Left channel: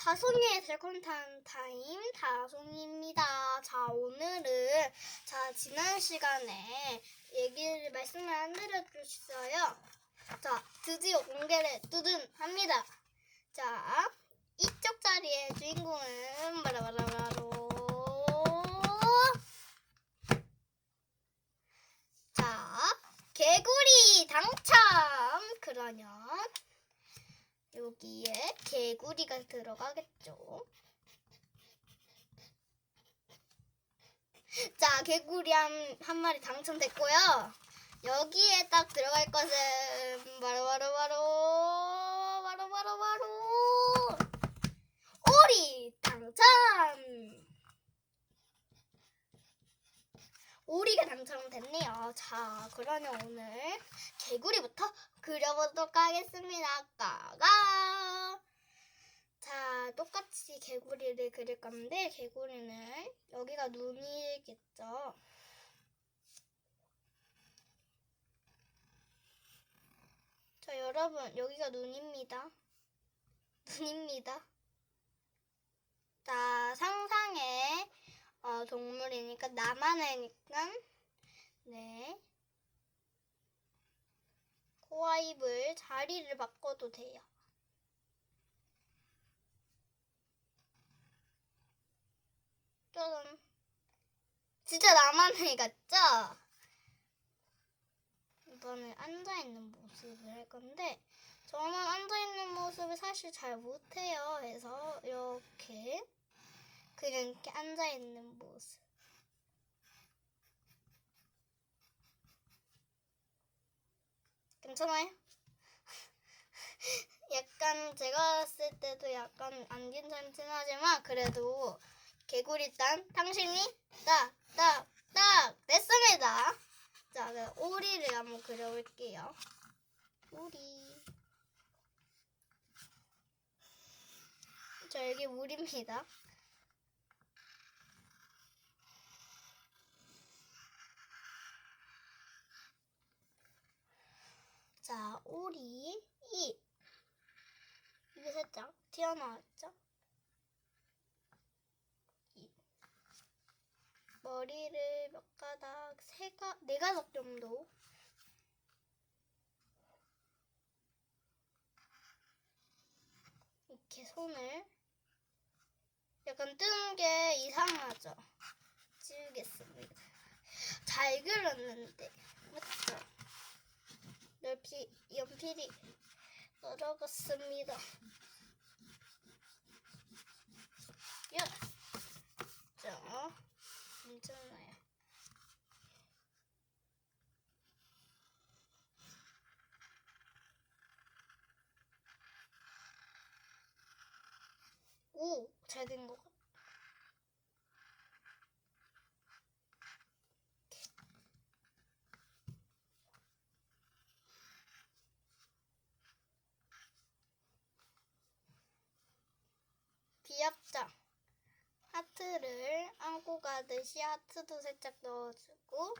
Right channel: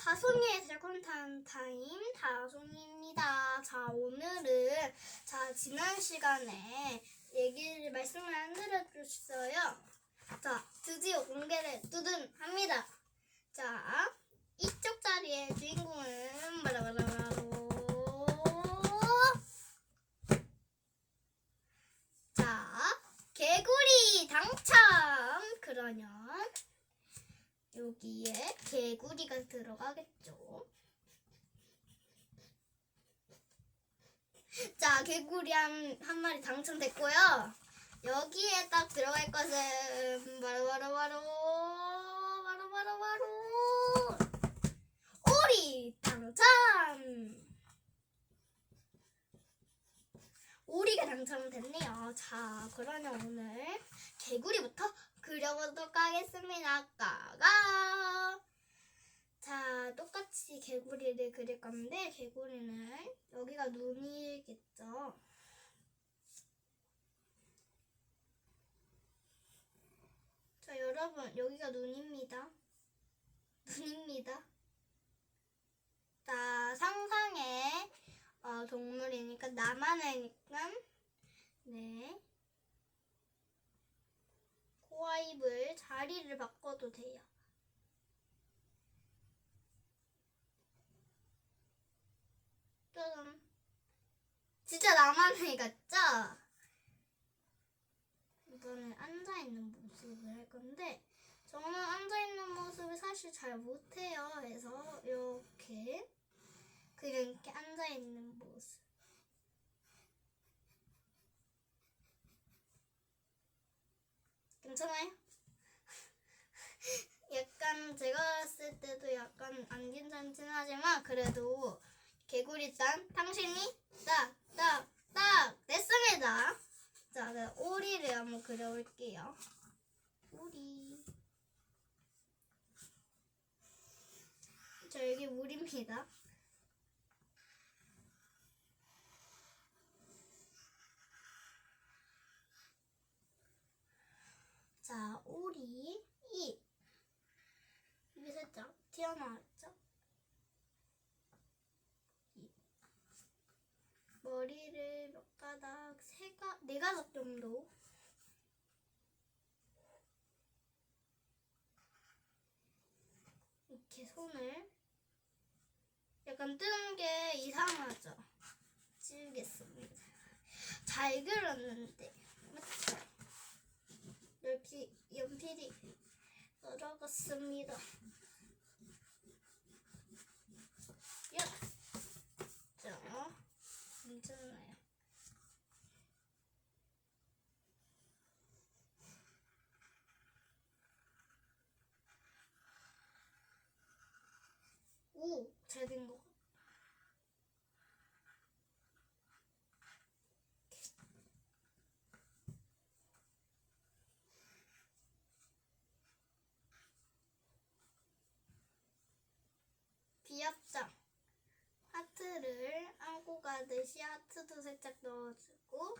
다송이의 달콤한 타임 다송이입니다. 자, 오늘은 지난 시간에 말씀을 안 드려주셨어요. 자, 드디어 공개를 합니다. 자, 이쪽 자리의 주인공은 바로 자, 개구리 당첨! 그러면 여기에 개구리가 들어가겠죠. 자, 개구리 한 마리 당첨됐고요. 여기에 딱 들어갈 것은 바로 오리 당첨! 오리가 당첨됐네요. 자, 그러면 오늘 개구리부터 그려보도록 하겠습니다. 까가. 자, 똑같이 개구리를 그릴 건데, 개구리는 여기가 눈이겠죠. 자, 여러분, 여기가 눈입니다. 자, 상상의 동물이니까 나만의니까 네. 코와 입을 자리를 바꿔도 돼요. 짜잔. 진짜 나만의 같죠? 이번엔 앉아있는 모습을 할 건데, 저는 앉아있는 모습을 사실 잘 못해요. 그래서 이렇게 그냥 이렇게 앉아있는 모습. 괜찮아요? 약간 제가 봤을 때도 약간 안 괜찮긴 하지만 그래도 개구리 당신이 딱 됐습니다. 자, 그럼 오리를 한번 그려볼게요. 오리. 자, 여기 물입니다. 자, 오리 입이 살짝 튀어나왔죠? 머리를 몇 가닥, 네 가닥 정도. 이렇게 손을 약간 뜨는 게 이상하죠? 지우겠습니다. 잘 그렸는데, 맞죠? 연필이 떨어졌습니다. 자, 괜찮아요. 오, 잘 된 것 같아. 비압장. 하트를 안고 가듯이 하트도 살짝 넣어주고,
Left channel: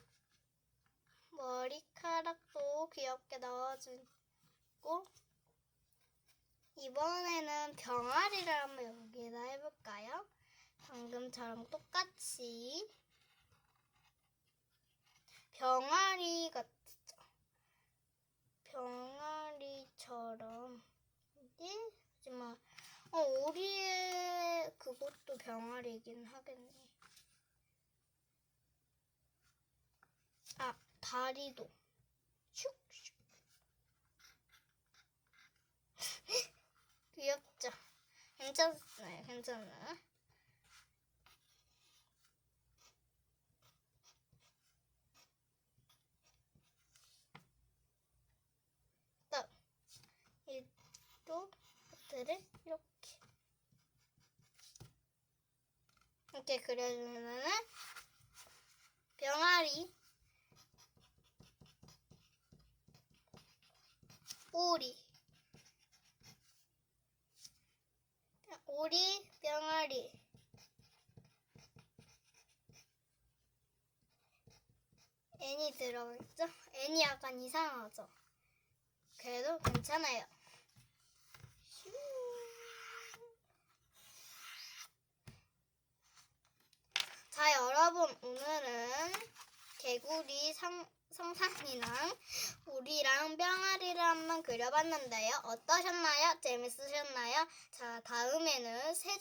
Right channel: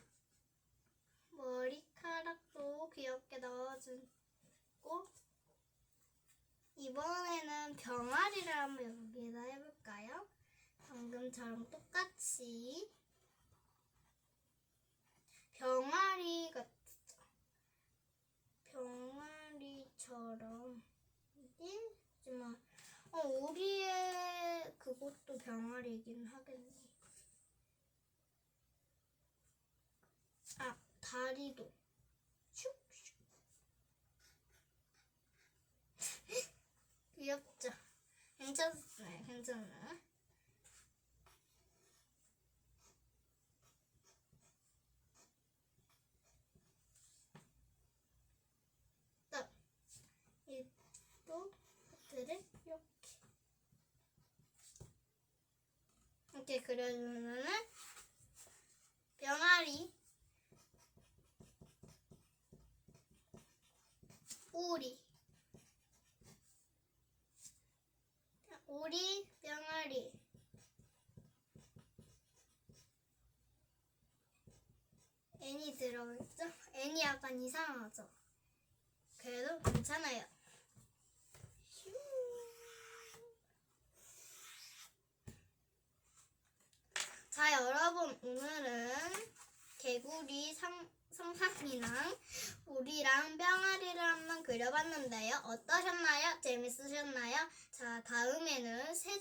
머리카락도 귀엽게 넣어주고, 이번에는 병아리를 한번 여기에다 해볼까요? 방금처럼 똑같이 병아리 같죠? 병아리처럼 하지만 오리의 그것도 병아리이긴 하겠네. 아, 다리도 슉슉. 귀엽죠? 괜찮아요. 딱 이쪽 하트를 이렇게 그려주면은 병아리, 오리, 병아리. N이 들어있죠? N이 약간 이상하죠? 그래도 괜찮아요. 오늘은 개구리 성상이랑 우리랑 병아리를 한번 그려봤는데요. 어떠셨나요? 재밌으셨나요? 자, 다음에는 세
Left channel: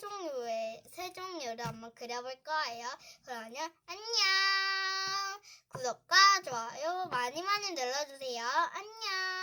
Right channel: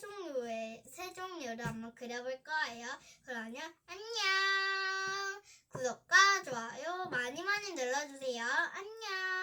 종류를 한번 그려볼 거예요. 그러면 안녕! 구독과 좋아요 많이 많이 눌러주세요. 안녕!